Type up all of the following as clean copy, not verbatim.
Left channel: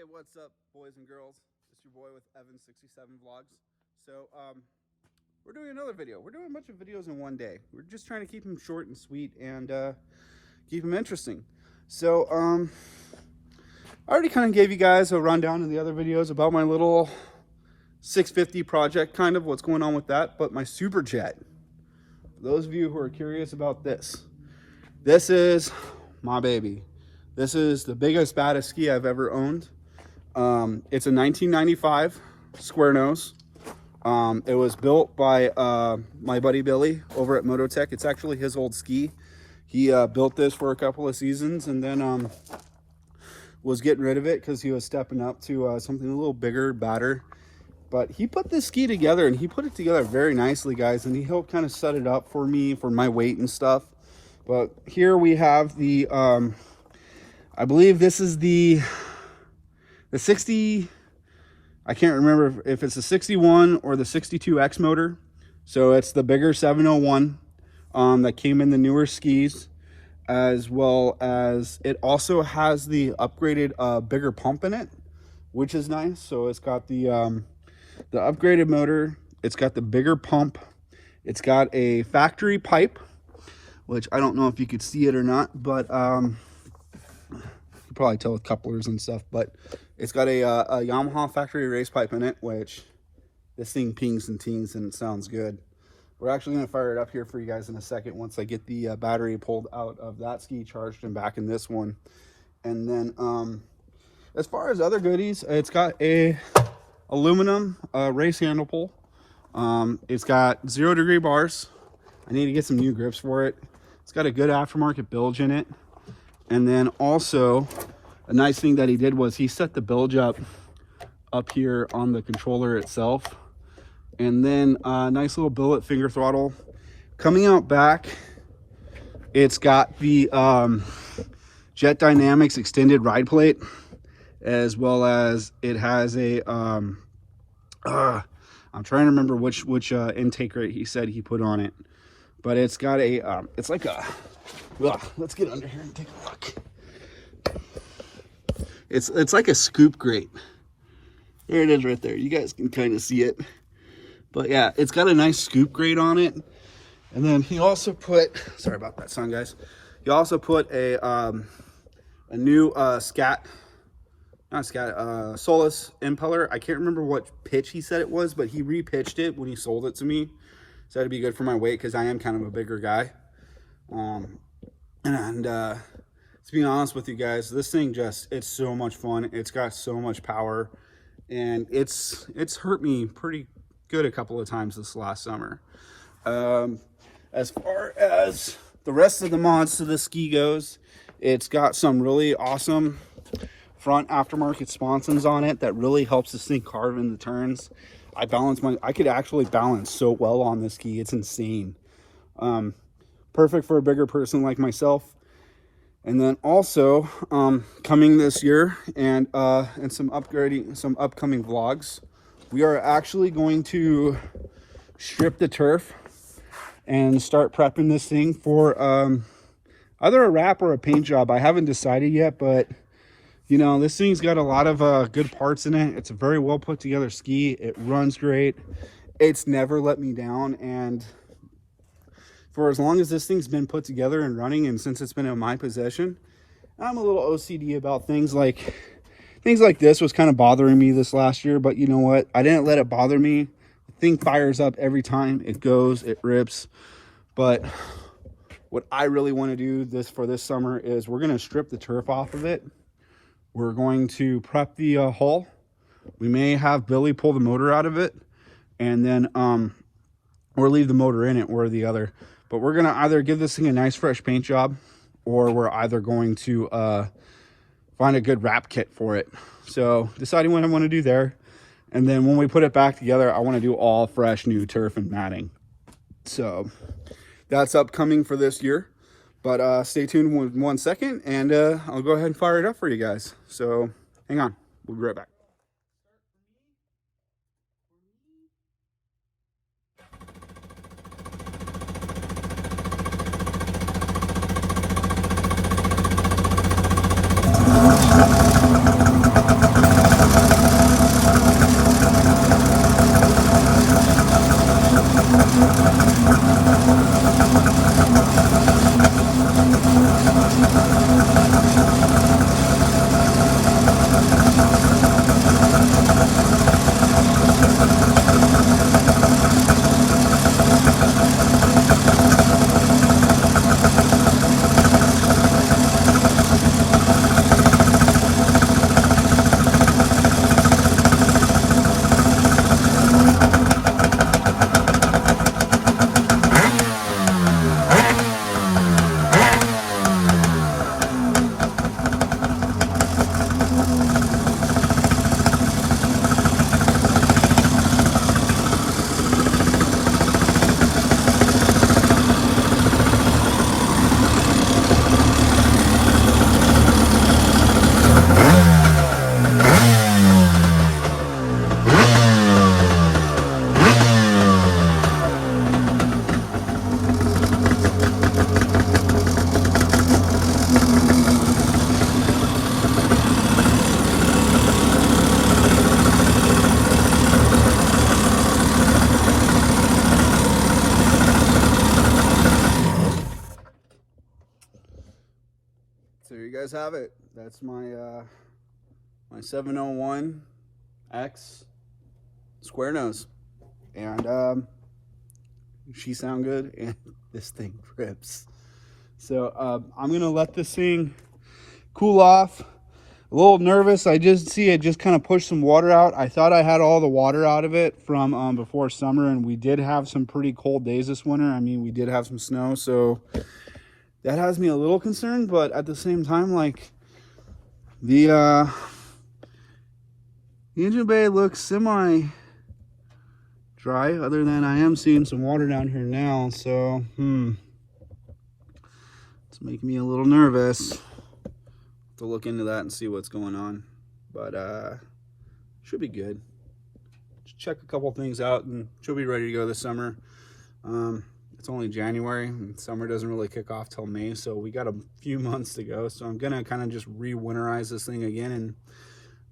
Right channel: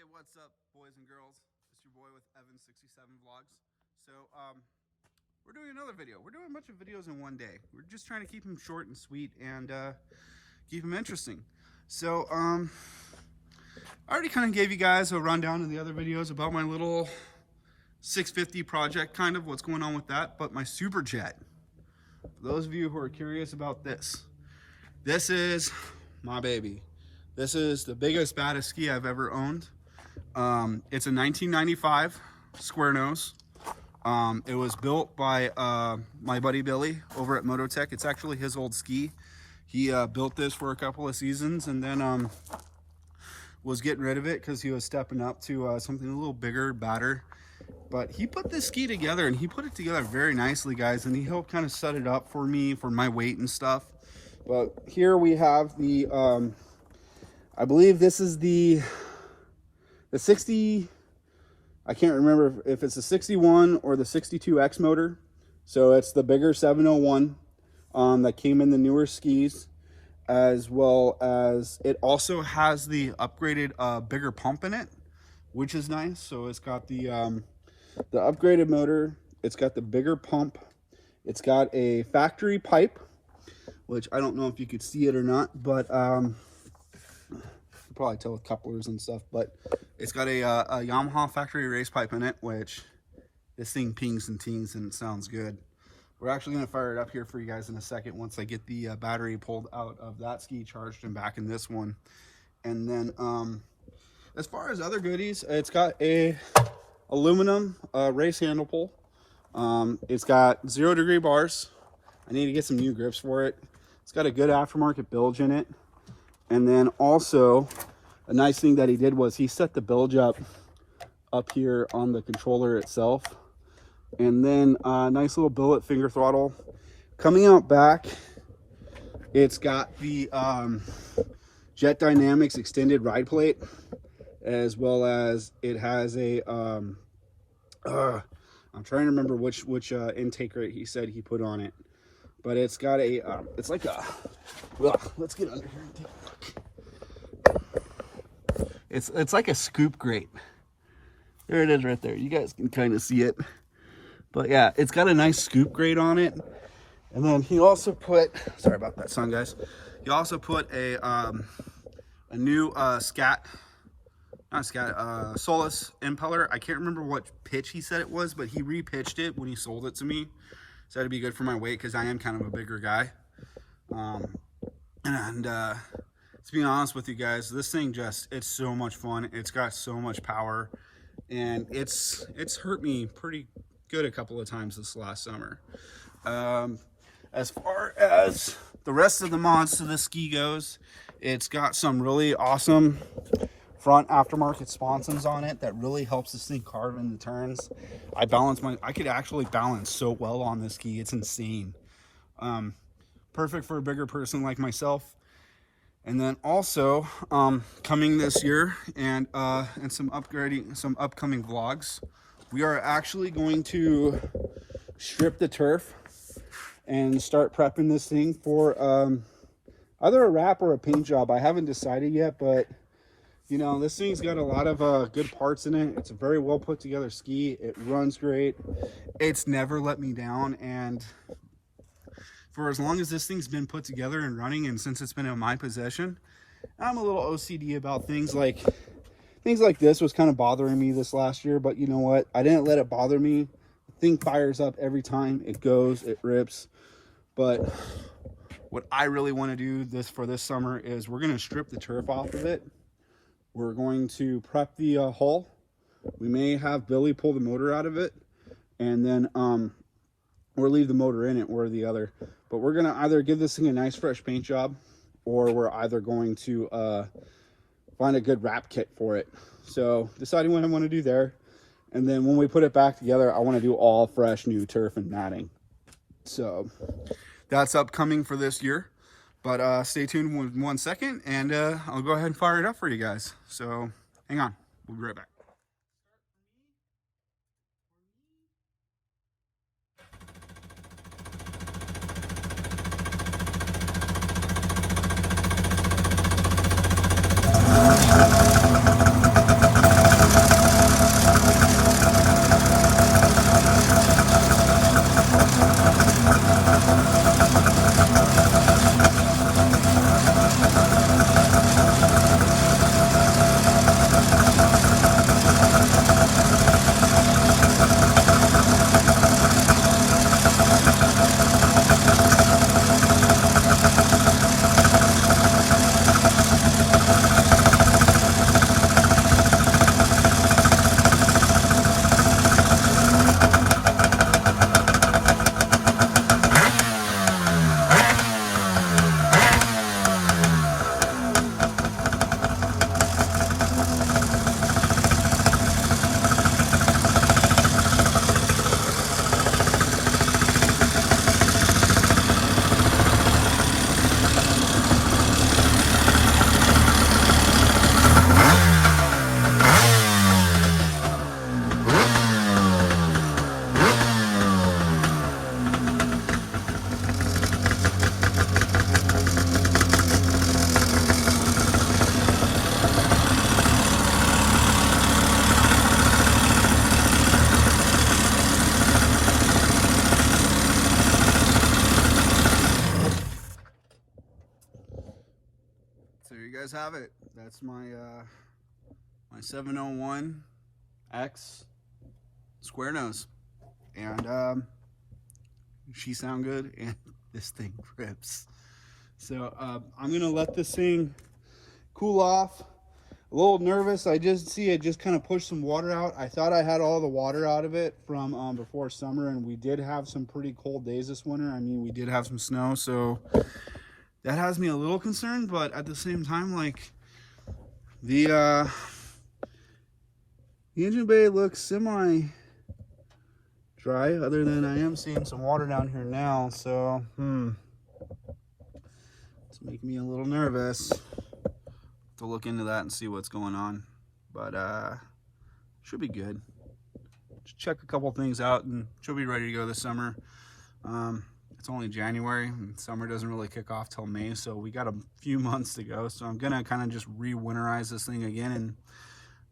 Hey, what's up, boys and girls? It's your boy with Evan67 Vlogs. So, we're doing another video. We're doing a bunch of videos in one day. We're just trying to keep them short and sweet and keep them interesting. So, I already kind of gave you guys a rundown in the other videos about my little 650 project, kind of what's going on with that. But my superjet, for those of you who are curious about this is my baby. This is the biggest, baddest ski I've ever owned. It's a 1995 square nose. It was built by my buddy Billy over at Mototech. It's actually his old ski. He built this for a couple of seasons and then was getting rid of it because he was stepping up to something a little bigger, badder. But he put this ski together, and he put it together very nicely, guys, and he helped kind of set it up for me for my weight and stuff. But here we have the I believe this is the 60, I can't remember if it's the 61 or the 62X motor. So it's the bigger 701 that came in the newer skis, as well as it also has the upgraded bigger pump in it, which is nice. So it's got the upgraded motor, it's got the bigger pump, it's got a factory pipe, which I don't know if you could see it or not, but you probably tell with couplers and stuff. But it's got a Yamaha factory race pipe in it, which this thing pings and tings and it sounds good. We're actually going to fire it up here for you guys in a second once I get the battery pulled out of that ski, charged and back in this one. And then as far as other goodies, it's got a aluminum race handle pull. It's got 0-degree bars. I need to get some new grips for it. It's got a good aftermarket bilge in it. And then also a nice thing that he did was he set the bilge up here on the controller itself. And then a nice little billet finger throttle. Coming out back, it's got the Jet Dynamics extended ride plate, as well as it has a I'm trying to remember which intake rate he said he put on it, but it's got a it's like a, well, let's get under here and take a look. It's like a scoop grate. There it is right there. You guys can kind of see it. But yeah, it's got a nice scoop grate on it. And then he also put, sorry about that sound, guys. He also put a new Solus impeller. I can't remember what pitch he said it was, but he repitched it when he sold it to me. So that'd be good for my weight because I am kind of a bigger guy. To be honest with you guys, this thing it's so much fun. It's got so much power, and it's hurt me pretty good a couple of times this last summer. As far as the rest of the mods to this ski goes, it's got some really awesome front aftermarket sponsons on it that really helps this thing carve in the turns. I could actually balance so well on this ski. It's insane. Perfect for a bigger person like myself. And then also coming this year and some upcoming vlogs, we are actually going to strip the turf and start prepping this thing for either a wrap or a paint job. I haven't decided yet, but you know, this thing's got a lot of good parts in it. It's a very well put together ski. It runs great. It's never let me down. And for as long as this thing's been put together and running, and since it's been in my possession, I'm a little OCD about things like this was kind of bothering me this last year. But you know what? I didn't let it bother me. The thing fires up every time it goes, it rips. But what I really want to do for this summer is we're going to strip the turf off of it. We're going to prep the hull. We may have Billy pull the motor out of it, and then or leave the motor in it, or the other. But we're gonna either give this thing a nice fresh paint job, or we're either going to find a good wrap kit for it. So deciding what I want to do there, and then when we put it back together, I want to do all fresh new turf and matting. So that's upcoming for this year. But stay tuned with 1 second, and I'll go ahead and fire it up for you guys. So hang on, we'll be right back. There you guys have it. That's my my 701X square nose, and she sound good, and this thing rips. So I'm gonna let this thing cool off. A little nervous. I just see it just kind of pushed some water out. I thought I had all the water out of it from before summer, and we did have some pretty cold days this winter. I mean, we did have some snow, so that has me a little concerned, but at the same time, like, the engine bay looks semi dry, other than I am seeing some water down here now, so it's making me a little nervous to look into that and see what's going on, but should be good. Just check a couple things out and she'll be ready to go this summer. It's only January and summer doesn't really kick off till May, so we got a few months to go. So I'm gonna kind of just re-winterize this thing again and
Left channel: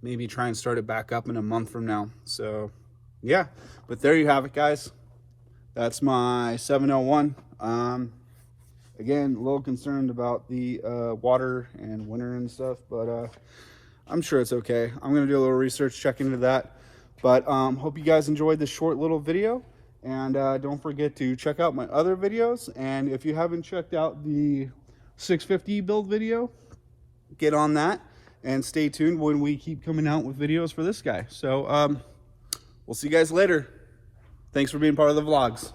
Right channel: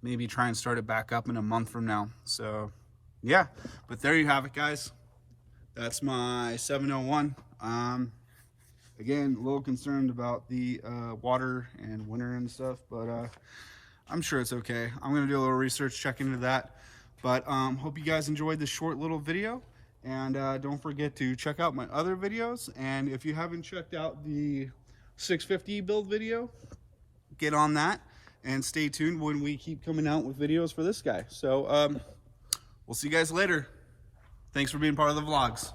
maybe try and start it back up in a month from now. So yeah, but there you have it, guys. That's my 701. Again, a little concerned about the water and winter and stuff, but I'm sure it's okay. I'm gonna do a little research, check into that. But hope you guys enjoyed this short little video. And don't forget to check out my other videos. And if you haven't checked out the 650 build video, get on that and stay tuned when we keep coming out with videos for this guy. So we'll see you guys later. Thanks for being part of the vlogs.